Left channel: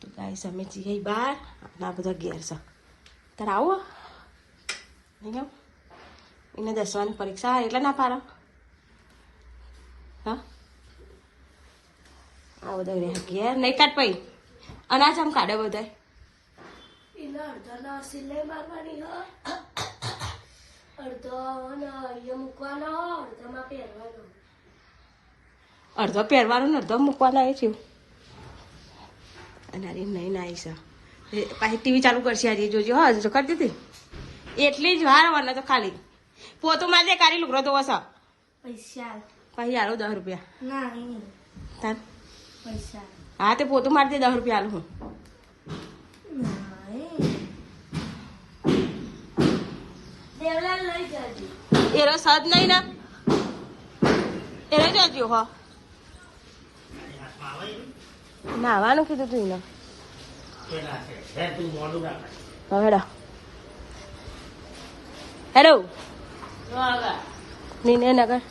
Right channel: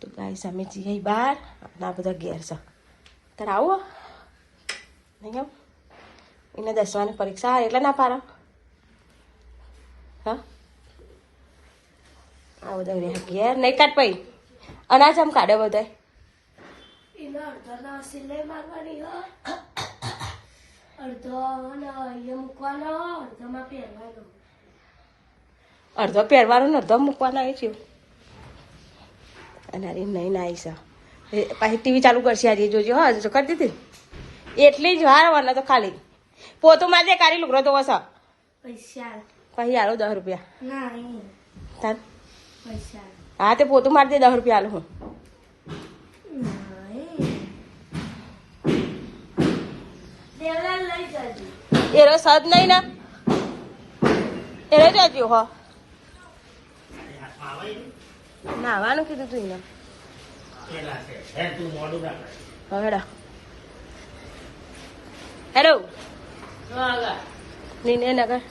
તો ગાઈસ અમે જઈએ બહાર ના બધા ઘેર છે તારે આવો નહીં આવ એને 10વાની પરીક્ષા એટલે ના પાડો હા આ બધા ઘેર નહીં કાઢ પઈ અનાજ આમ કાઢે બધા અડધો પહેરવાનો ને અડધો મૂકવાનો એ થયું અને અરે નહીં ના આવીશ પાછી ટીવી ચાલુ કરશે આજે જોજો હા હજુ તો કરી દીધી એટલી જ વાર તો ખાલી પોતું માજે કાઢી લુગડો તો વસ પૈસા પછી આલો 10 રૂપિયા હા તે પોતું મારજે 10 રૂપિયા આલો હું એરો સદ નહીં ને એરો જજો હો નાવાનું કીધું તું એને હેલો નીને નગર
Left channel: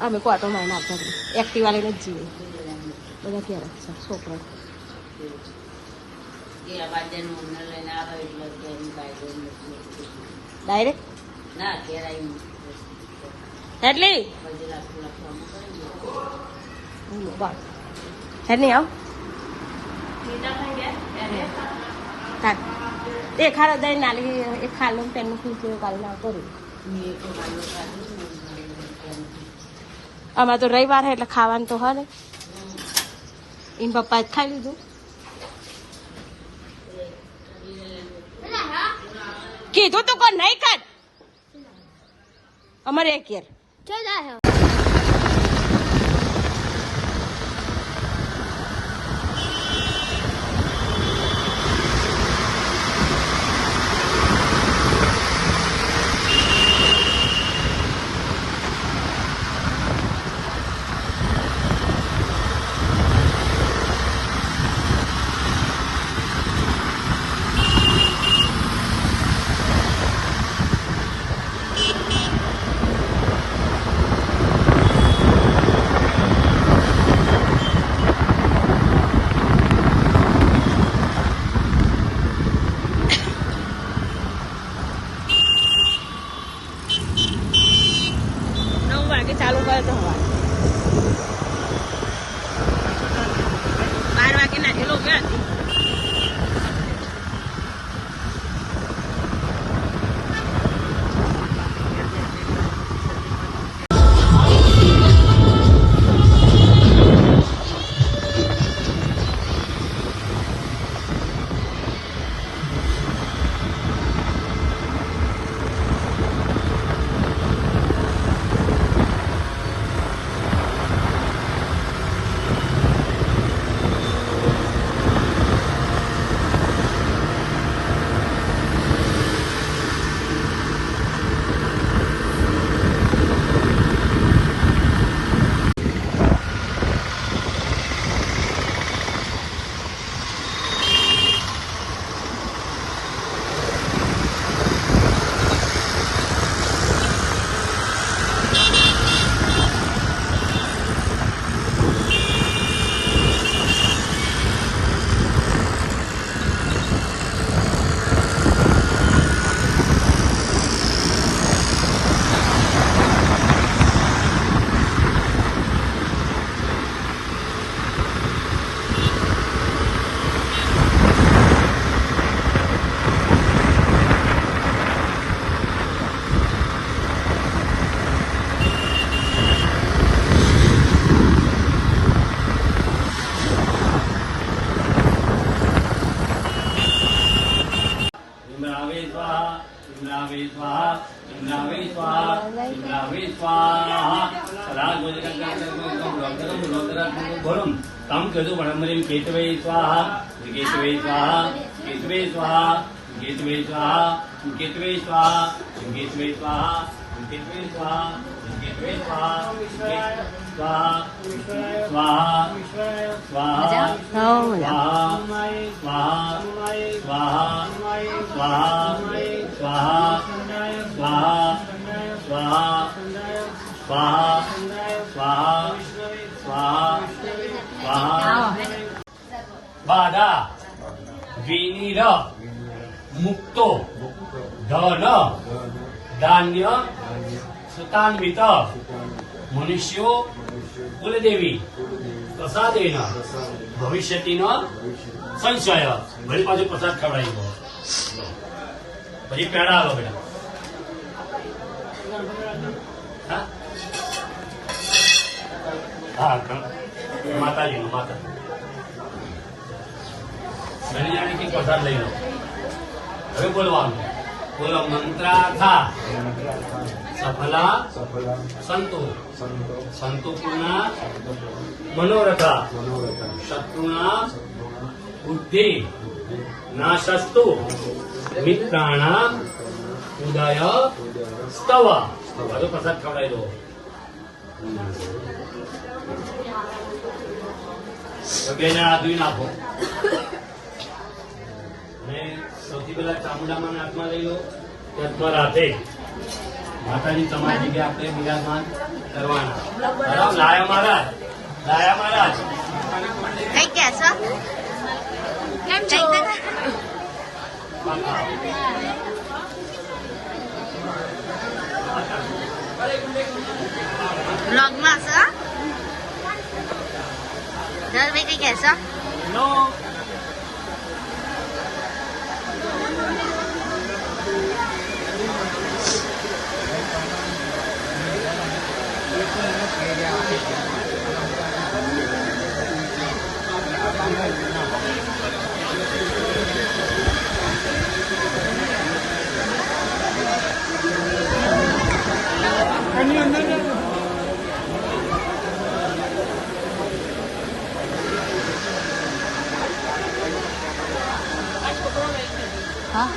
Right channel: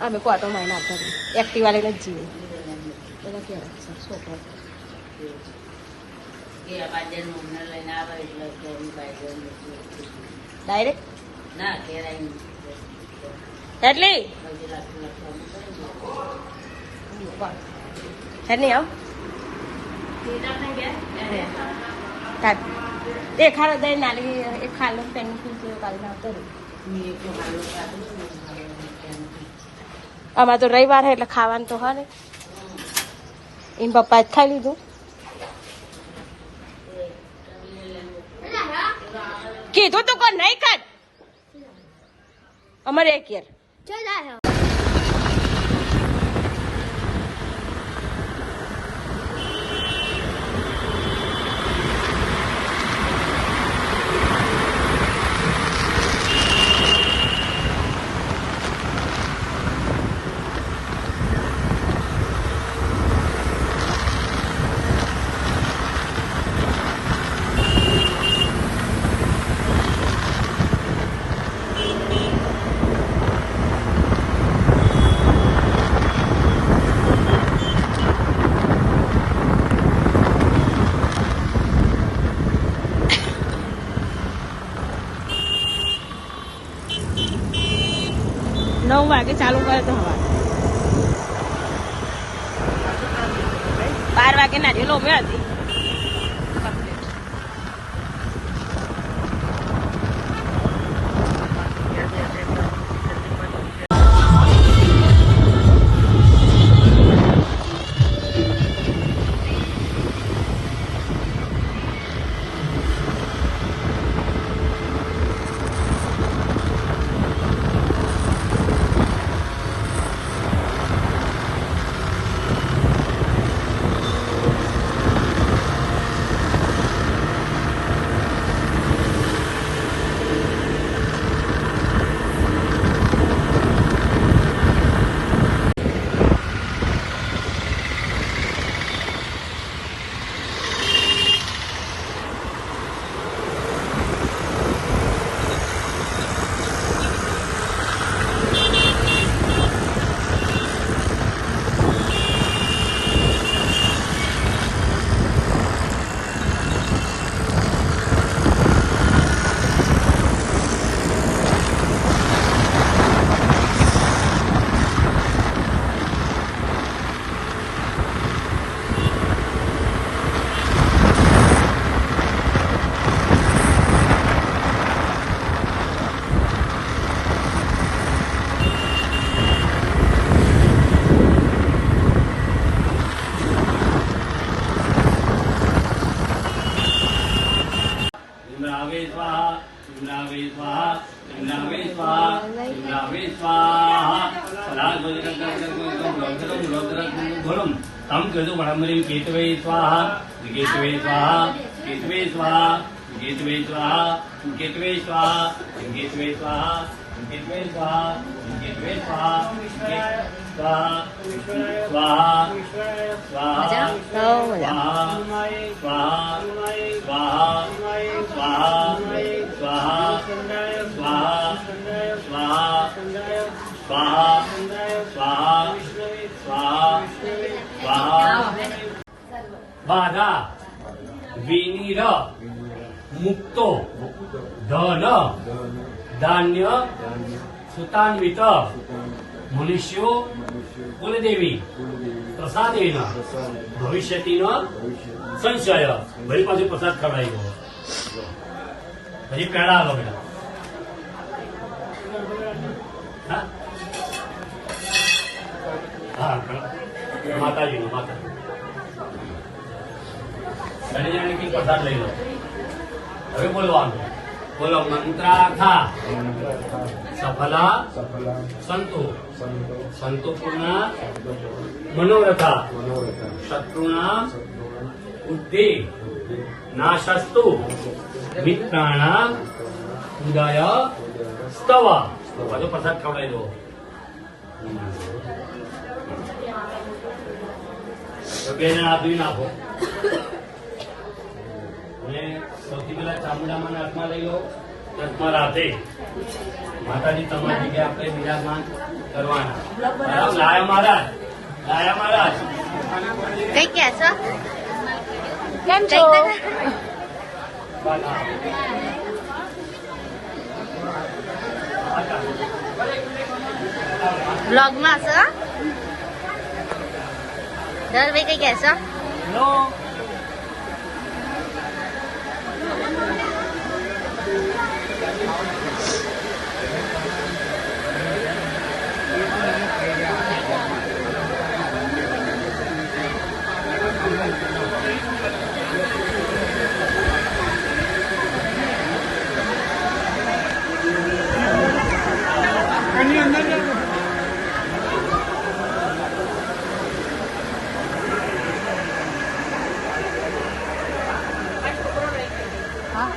અમે કોટો મારી નાખતા એક્ટિવા લઈને જ જઈએ બધા કેવા છે છોકરા ડાયરેક્ટ એટલી નહીં આવ એક ખાલો દઈ નાલી એક ખાલો પેનું પીછે કાલે ના કરું આમાં તો રવિવાર હે એટલે ખાવાનું તો હા ને એમ પપ્પા જ ખાઈ લીધું કીધું તું કોણ નહીં ખાત અમારે એક યાર केतवे स्वाहा केतवे स्वाहा केतवे स्वाहा केतवे स्वाहा केतवे स्वाहा केतवे स्वाहा केतवे स्वाहा केतवे स्वाहा स्वाहा स्वाहा स्वाहा स्वाहा स्वाहा स्वाहा स्वाहा स्वाहा બાધા વિનિર મુક્તો ધન ધાન્ય સુતાન્વિત મનુષ્યો કુલદેવી પ્રસાદેન ભવિષ્યતિન સંશય. વળી પાછું પ્રસાદ ખવડાવી દો. હજી પેડા આવો બેટા. હા માતાજીનો માતા ધનિયાની પ્રસાદ લઈ લો. હવે બોલવાનું. બોલો મંત્રાથા સફલા સંતો સંતો પૂર્ણા મનોરથા શત્રુના બુદ્ધિ નાશસ્તુ મિત્રાણા ઉદય સ્તવ. બધો પ્રસાદ ખવડાવી દો. બેના આદમી નાખો. સૌથી પહેલા ચામડામાં હાથમાં લઈ લો. હાથમાં રાતે માતાજી તમારી જગ્યા આપણે બિરાજમાન કરવાના. લાયા મહારાજ લાયા મહારાજ કઈ કહેશો? કેમ છો? વ્લોગમાં હશો? ધરભાઈ કઈ કહેશો? નો હા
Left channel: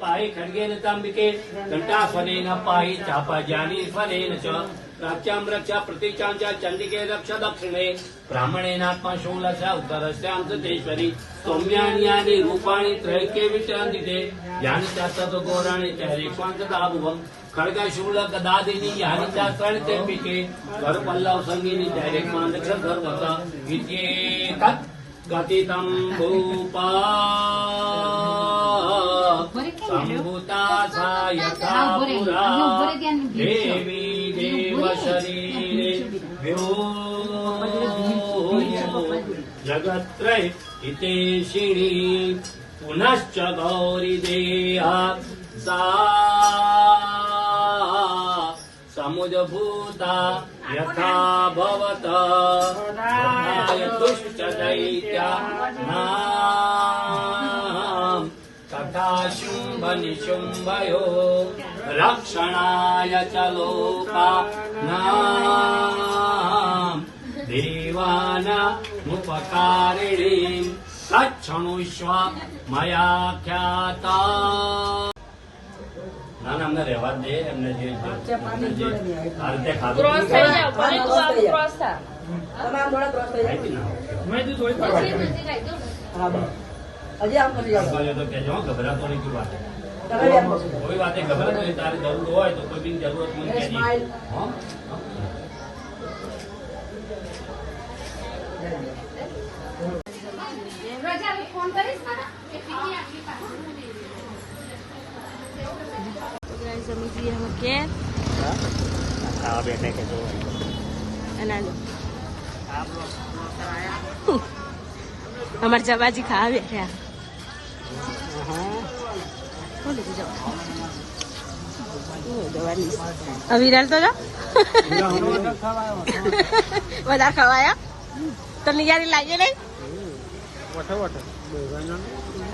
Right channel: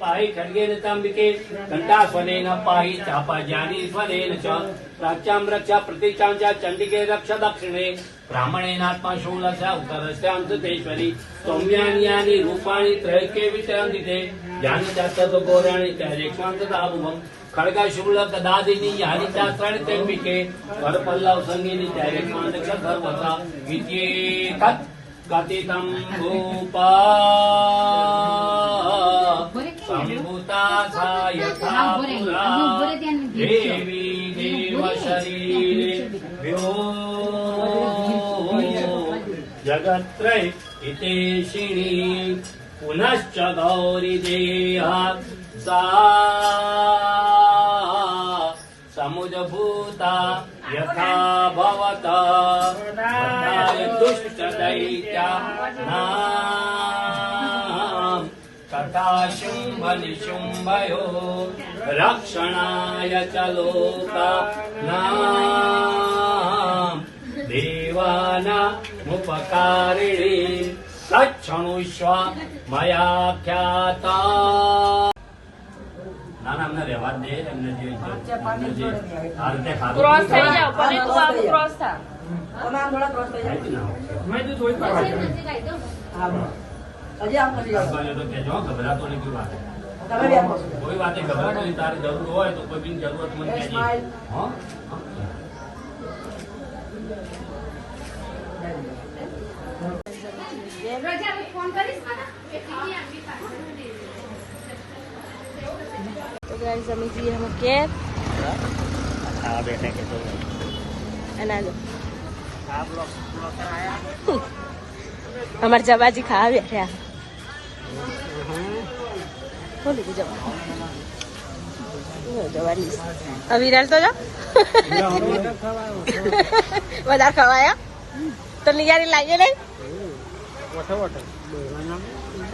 पाहि खड्गेन ताम्बिके घंटास्वनेन पाहि चापाज्यानीश्वरेण च प्राच्यां रक्षा प्रतीचां च चण्डिके रक्ष दक्षिणे ब्राह्मणेनात्मा शूलस्य उत्तरस्यां सुतेश्वरी सौम्यानि यानि रूपाणि त्रैके विचरन्ति यानि च तद्घोराणि च रेक्ष्मान्तदाभुवम् खड्गशूल गदादिनी यानि च त्रणितेऽम्बिके वरपल्लव सङ्गीनि च रेक्ष्मान्तसर्वसा इत्येतत् कथितं भूपा सम्भूता सा यथा पुरा देवी देवशरीरेभ्यो जगत्त्रय हितेशिणी पुनश्च गौरी देहात् सा समुद्भूता यथा भवता दुष्टदैत्यानां तथा शुम्भनिशुम्भयो रक्षणाय च लोकानां देवानामुपकारिणीं सक्षणुष्व मया ख्याता. ના ના અમને રહેવા જ દે એમને જે આ રીતે ખાધું ગભરાતો નહીં કોઈ વાતે ગભરાતો નહીં. તારી જરૂર હોય તો કોઈ બી જરૂરત મને કહેજે. તો ગાઈસ અમે જઈએ અમે કેક ખાવા બેઠા કે તો અને અમારે જવાજી ખાવા બેઠા શું લીધું જવાની વિરાલ તો જા વધારે ખવાયા તો નિયારી લાગે નહીં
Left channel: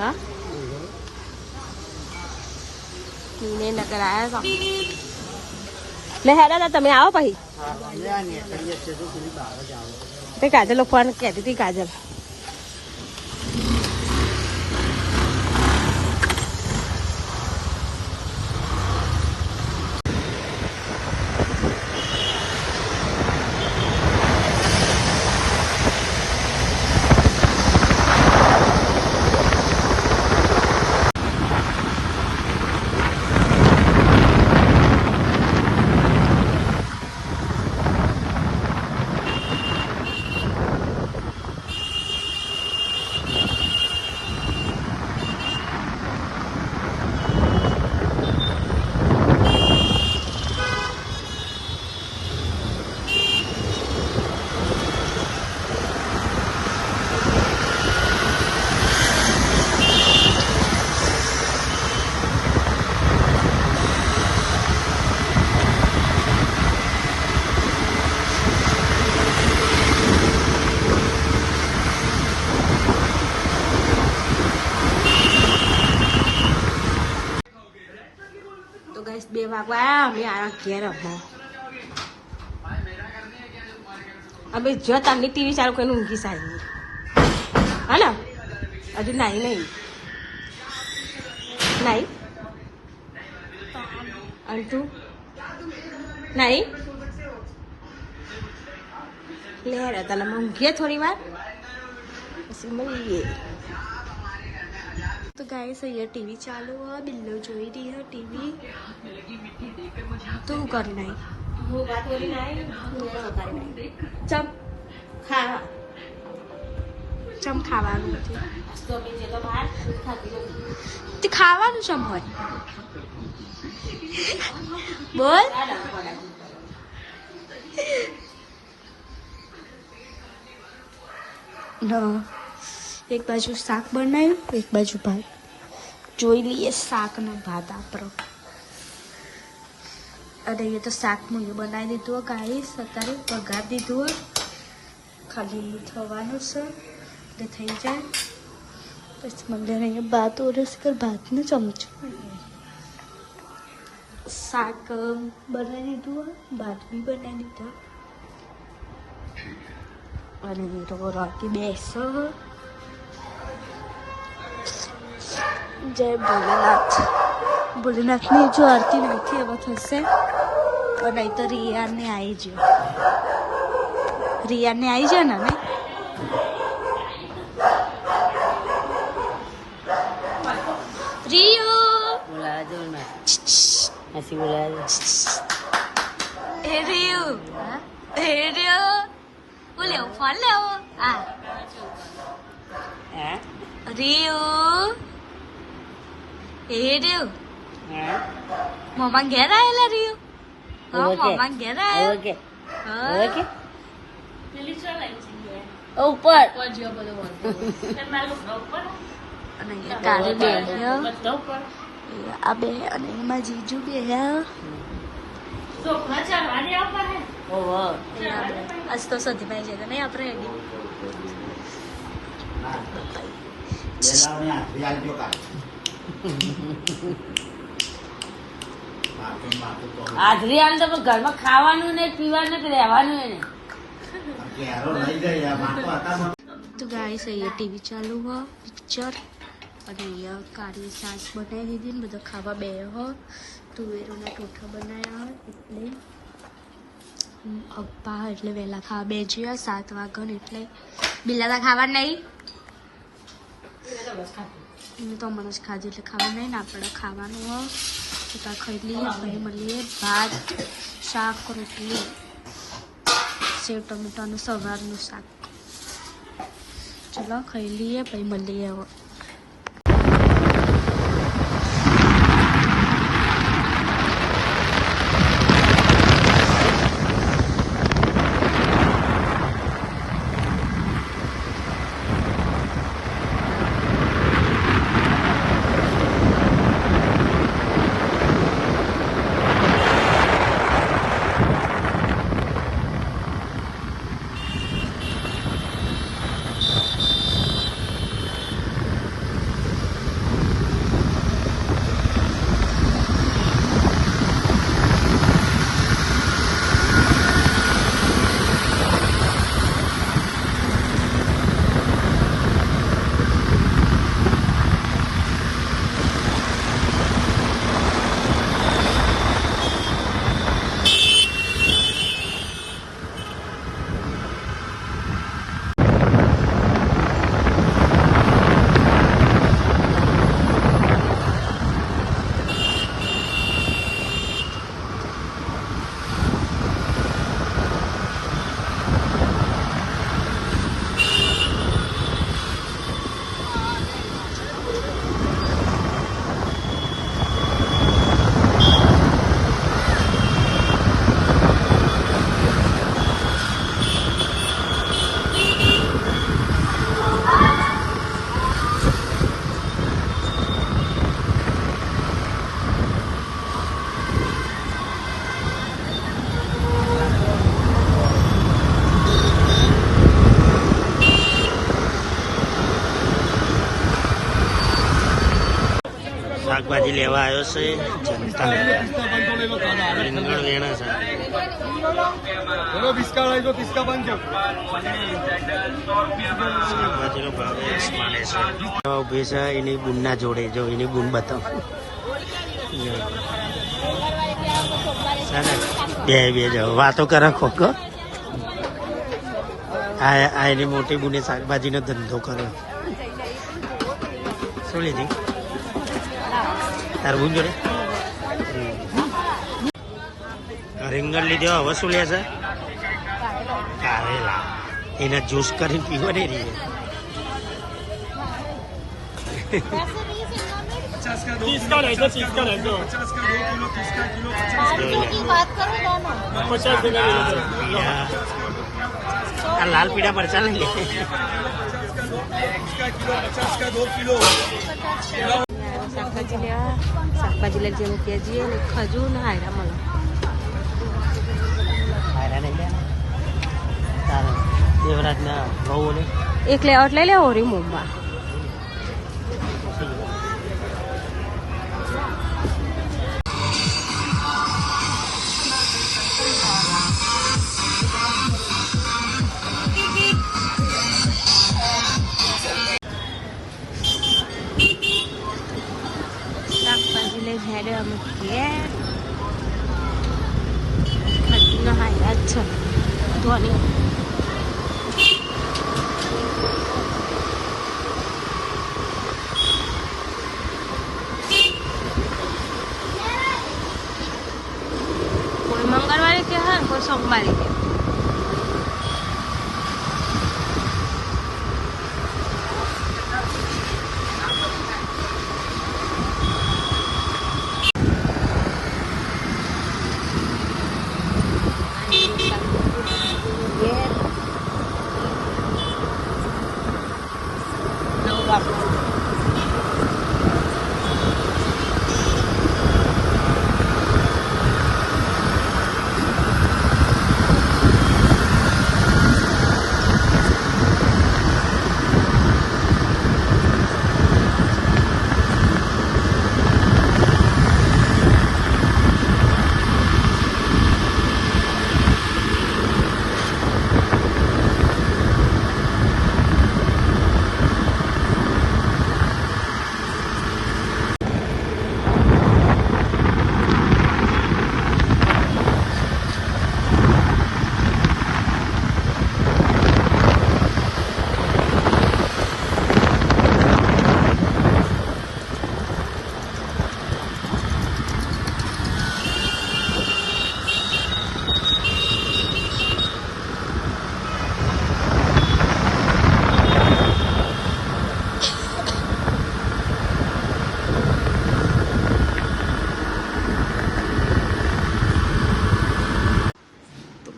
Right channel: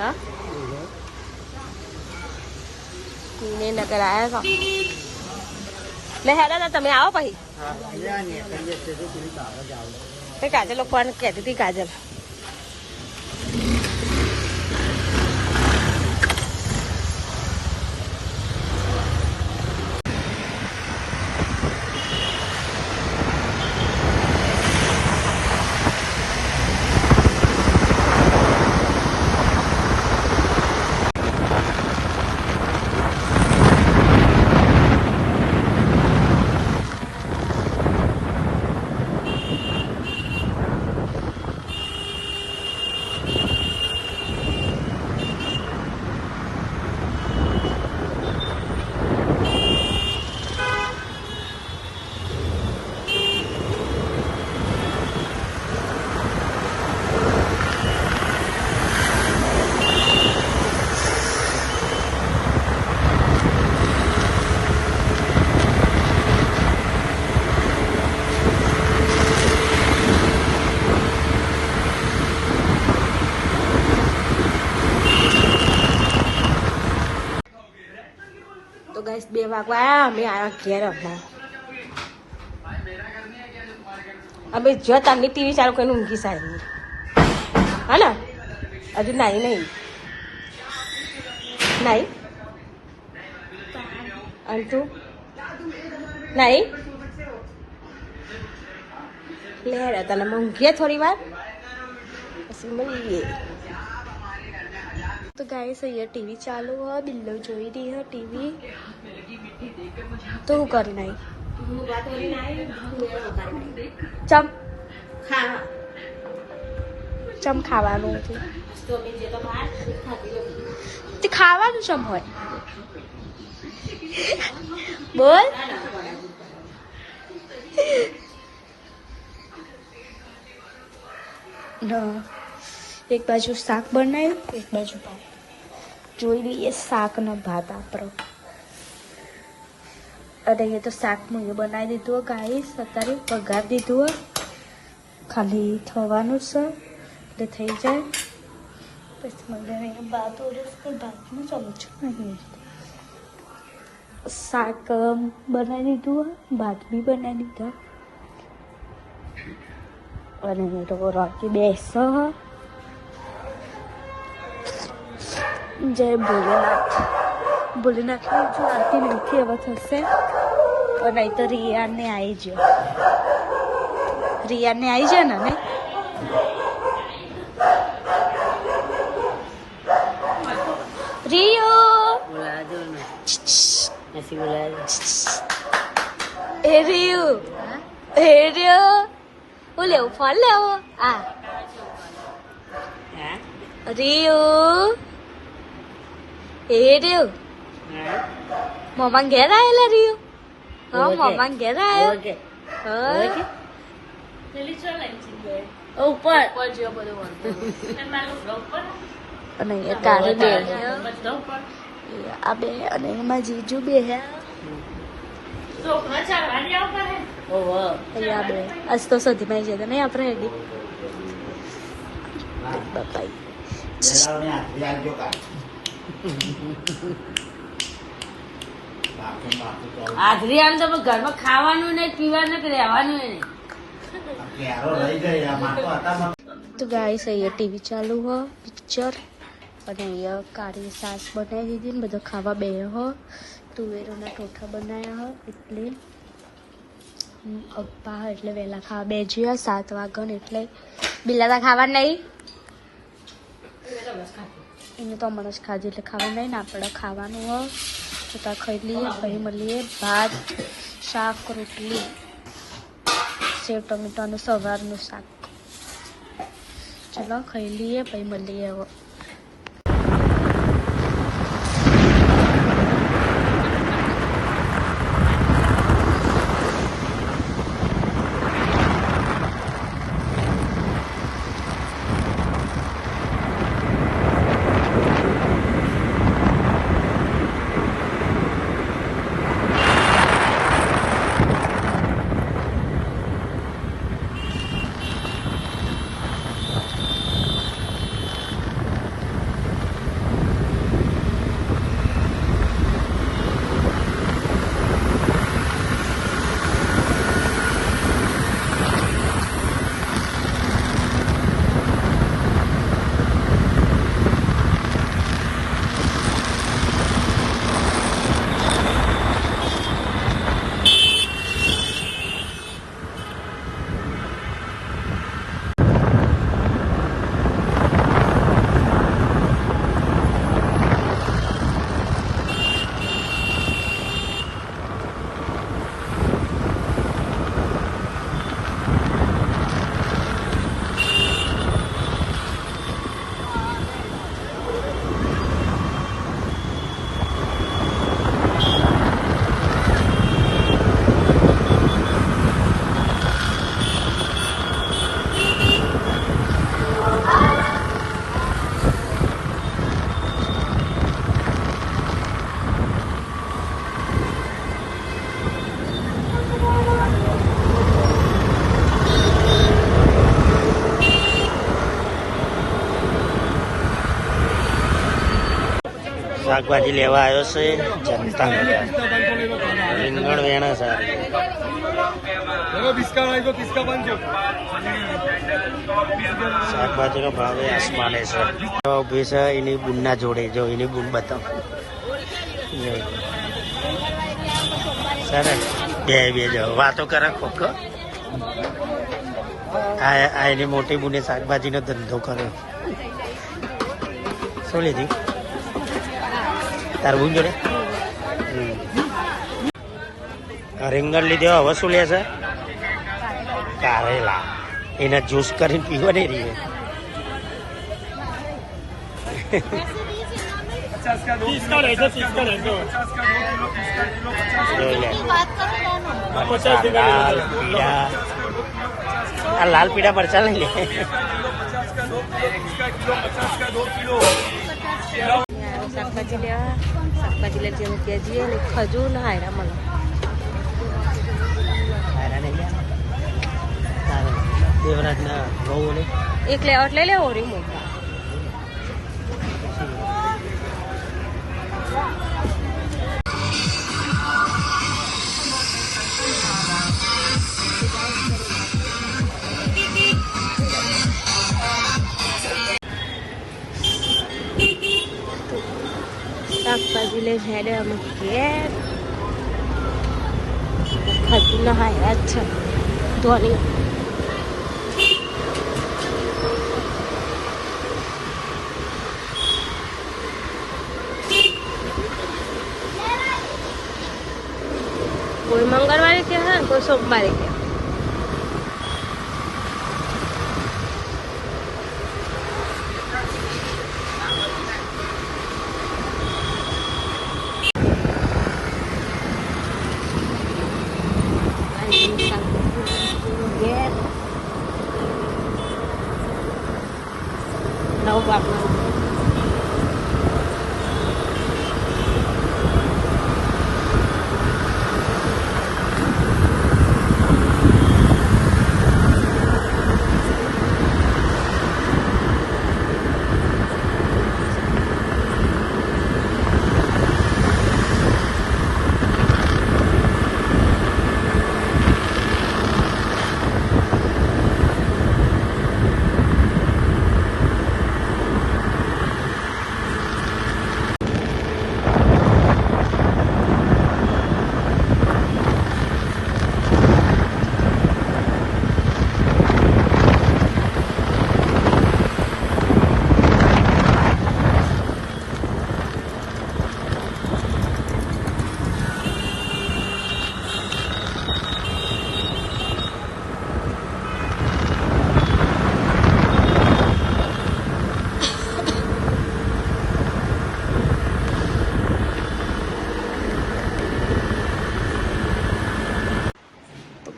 હા ને નગર આયા લે હેડા તમે આવો પછી કાજલ ફોન કહેતી હતી કાજલ તો ગાઈસ 2 વાગવા આયા અમે આયા ઘેર અમે જો તમને ટીવી ચાલુ કરીને ઊંઘી સારી હા ને હજુ નાઈ નહીં અંટુ નાઈ લે તને ઊંઘીએ થોડી વાર પછી મળીએ. तो गाइस ये टीवी चालू है बिल्लो जोई रही है टीवी तो कर नहीं ચમ ખાવાનું તે ખાવાનું ચમ હોય બોલ એક બાજુ શાક બનાવ્યું એક બાજુ ભાત જોઈ લઈએ શાક ને ભાત આપણો અને એ તો શાક હું એ બનાવી દીધું ગાઈસ અત્યારે વઘાર દીધું ખાલી થવાનું છે એટલે થઈ જાય પછી મંદિર ભાત ઓરસ કર ભાતનું ચમચું શાક બનાવી દીધું ભાત બી બનાવી દીધો અને તો રોટી બેસો જય ભોલેનાથ ભોલેનાથની જો આરતી નથી હવે થશે નહીં તો રિયાને આવી ગયો. રિયાને આવી જાય ને નહીં? રિયો એ રિયો હું લેવું ફળ લેવો આ રિયો એ રિયો મમ્મા ઘેર આવેલા રિયો હા મમ્મા ઘેર આવ્યો ઉપર અને અહીંયા કારે બે આ બે અને એમાં જીજુ બે અહીંયા બે આજ તો સધીમાં ગયા નહીં આપણે એડી બાપાઈ હાજરી આમ તો ઘરમાં ખાવાનું ને પીવાનું ને રહેવાનું ને. તો ગાઈસ અહીંયા ટીવી ચાલુ હો પિક્ચર અને અહીંયા કાળી સાસ બનાવી દીધી ને બધો ખાવા બે હો તુવેરોના ટોઠા બનાવ્યા હોય એટલે અપ્પા એટલે વહેલા ખાવા બે જ્યા 7 વાગ્યા એટલે બિલાતા ખાવા નહીં એને તો હમણાં જ ખાધું એટલે ખાવા નહીં ને આપણે ખાવાનું હોય તો ત્યાં ખાઈ લઈએ પછી મળીએ ભાત શાક રોટલી સેવ ટમેટાનું સવારનું શાક ચલો ખાઈ લઈએ પછી મળીએ હવે શાકભાજી લેવા આવ્યો છે જનતા રીંગણ વેણા છે શાકભાજીનો ભાવ આસમાને છે ઉભી છે એની બુનના જોડે જો એની બુન બતાવ બે જાઓ વાતો કરે ખોખો આ એની મોટી બુને શાકભાજીનો ધંધો કર્યો શું લીધી તાર બુન જોડે રીંગણ લીધે હવે શું લે છે કારેલા એના જ્યુસ કરીને પીવા નહીં રહી આ લાલ પીડા મરચા લઈ લે શાકભાજી લેવા શાકભાજી લઈ ગયા ત્યાં જઈએ ને ખજૂર ને હાયરા મળે એક લેવટ લઈ લે ઓરી મુંબઈ શાકભાજી લઈ હેડે અમે ઘેર હજુ ના હાયા જ છે ધોની. કોઈ મંગળવારે કે હા, કોઈ સોમવારે કે.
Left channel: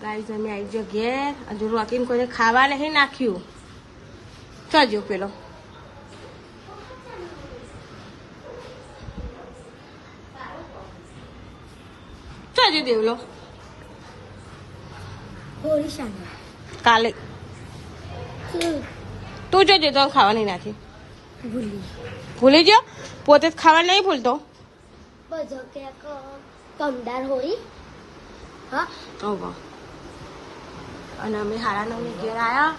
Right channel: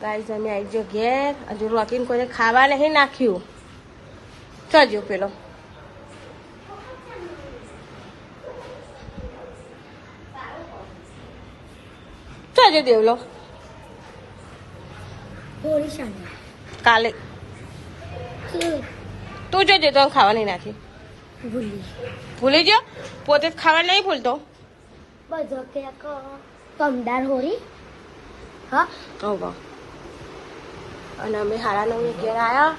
ગાઈઝ અમે આવી ગયો ઘેર. હજુ રોકીને કોઈને ખાવા નહીં નાખ્યું. ચજો પેલો ચજો દેવલો કાલે તું જોજે તો ખાવા નહીં નાખી. ભૂલી ગયો? પોતે જ ખાવા નહીં ભૂલતો. વાહ. અને અમે 9:30 ઘેર આવ્યા.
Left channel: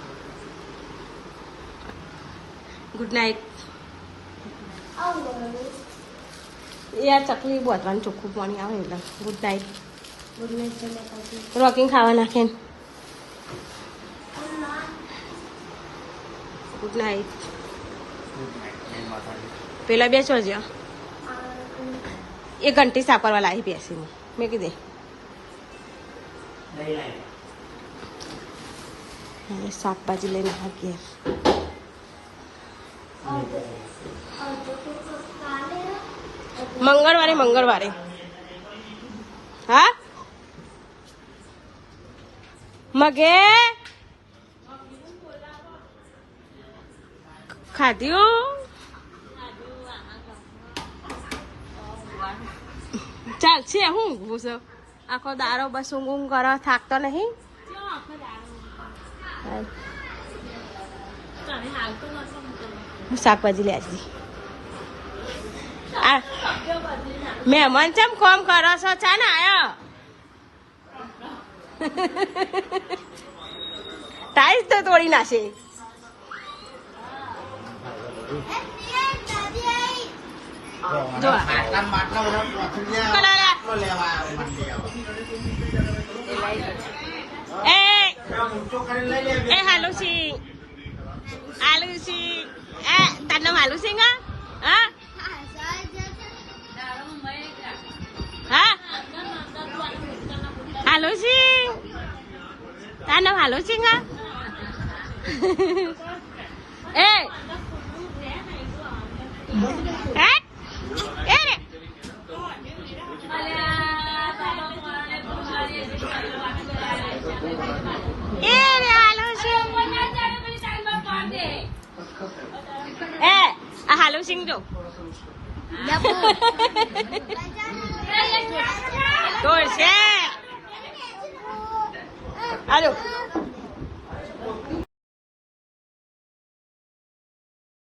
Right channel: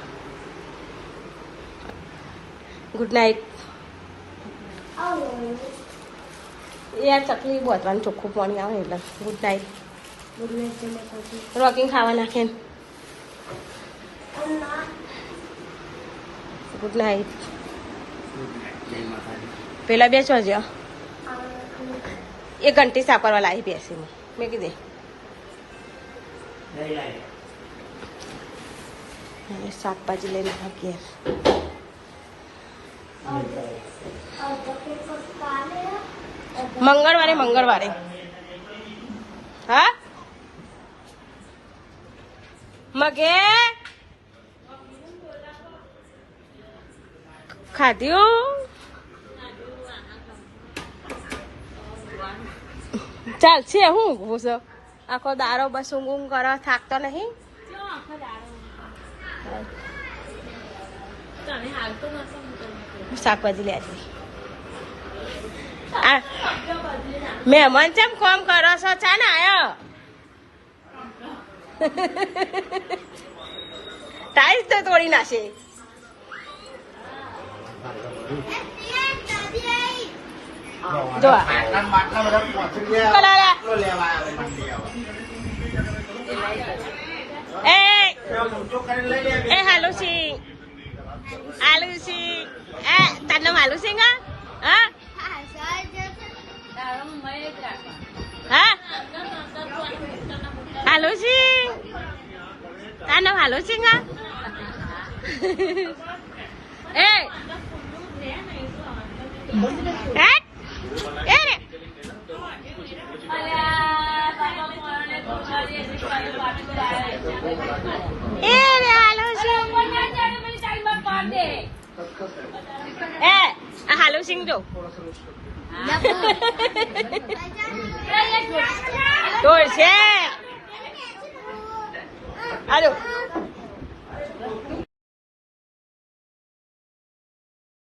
Good night. યાર ચકલી બોતવાનું ચોખ્ખું પાણી આવે એટલે ગુડ નાઇટ. રોકીને ખાવા નાખે. Good night. પેલા બે છો જ્યાં એ ઘંટી સાપરવા લાવી બેસીને મેં કીધે શાકભાજી લઈને ગયા. મંગળવારે હા મગે ખાધ્યું. ચાલશે હું ઊંઘું આખો દારો બસ ઊંઘ કરો થાકતો નહીં. શાકભાજી લેતી આ મહેમાન ચમ કોમ કરો છો? ચા ને આયો ટાઈસ તો તોડી નાખે. જો એ હાલો સી આલુ સી એ તાર નામ હાલુ સિંહ? હા હા હાલો સિંહ તાર નામ હાલો સિંહ? એ હાલો સિંહ જો તો છે હાલો